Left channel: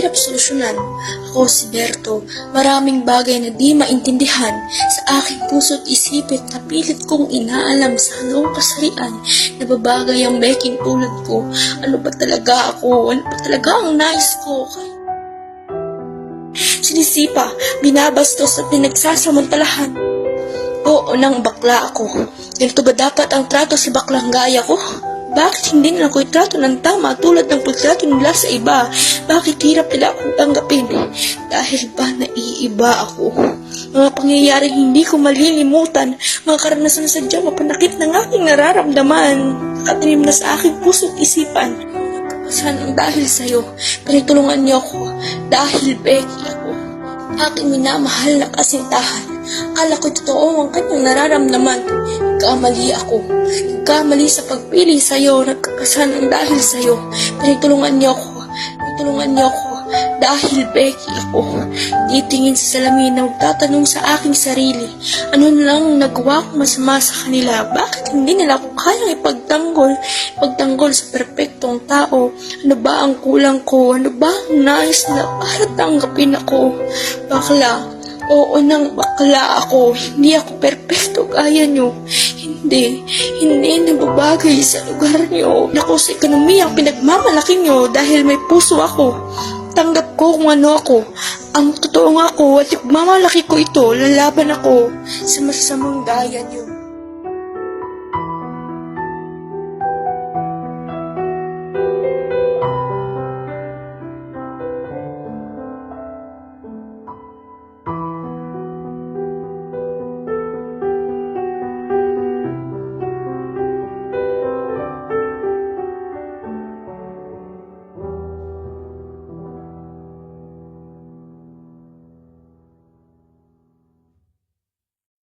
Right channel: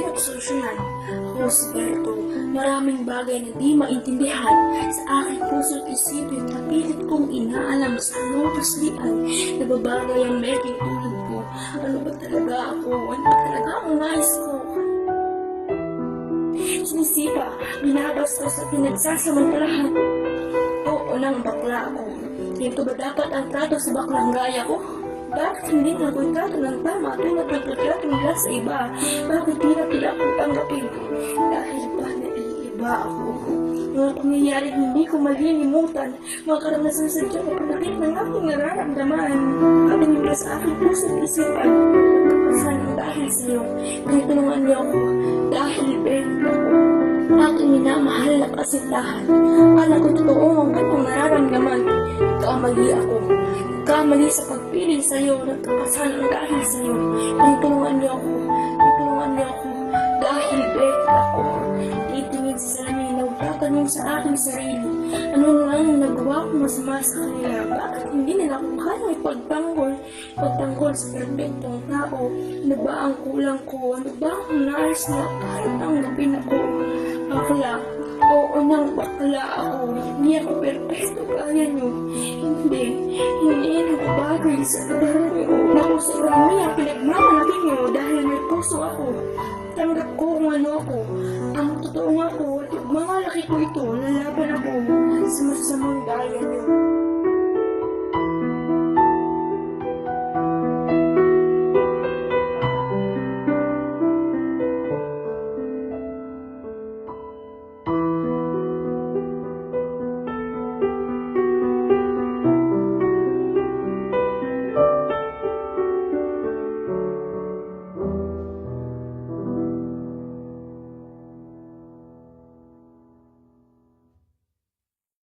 mahirap solusyonan. Ako si Berto, maraming bagay na di maintindihan sa aking puso't isipin na pilit kong inaalam sa anong kasarian na babagay ang beking tulad ko. Ano ba talaga ako? Ano ba talaga ang nais ko? Sinisipa, binabastos at pinagsasamantalahan. Oo nang bakla ako. Ganito ba dapat ang trato sa baklang gaya ko? Bakit hindi nila ko itrato ng tama tulad ng pagtrato nila sa iba? Bakit hirap nila akong tanggapin? Dahil ba naiiba ako? Mga pangyayaring hindi ko malilimutan, mga karanasan na sadyang mapanakit ng aking nararamdaman, nakatinim na sa aking puso't isipan. Sana dahil sa'yo, pinagtulungan niyo ako dahil Becky ako. Aking minamahal na kasintahan. Akala ko totoo ang kanyang nararamdaman. Nagkamali ako. Nagkamali sa pagpili sa'yo. Nagkakasanang dahil sa'yo. Pinagtulungan niyo ako. Pinagtulungan niyo ako. Dahil Becky ako. Titingin sa salamin na magtatanong sa aking sarili. Ano lang nagawa ko masama sa kanila? Bakit hindi nila ako kayang ipagtanggol? Pagtanggol sa perpektong tao. Ano ba ang kulang ko? Ano ba ang nais na para tanggapin ako? Bakla, oo nang bakla ako. Hindi ako perpekto gaya nyo. Hindi, hindi nababagay sa lugar nyo. Naku sa ekonomiya ang pinagmamalaki nyo dahil may puso ako. Tanggap ko kung ano ako. Ang totoo nga ako at mamalaki ko ito, lalaban ako sa masasamang gaya nyo.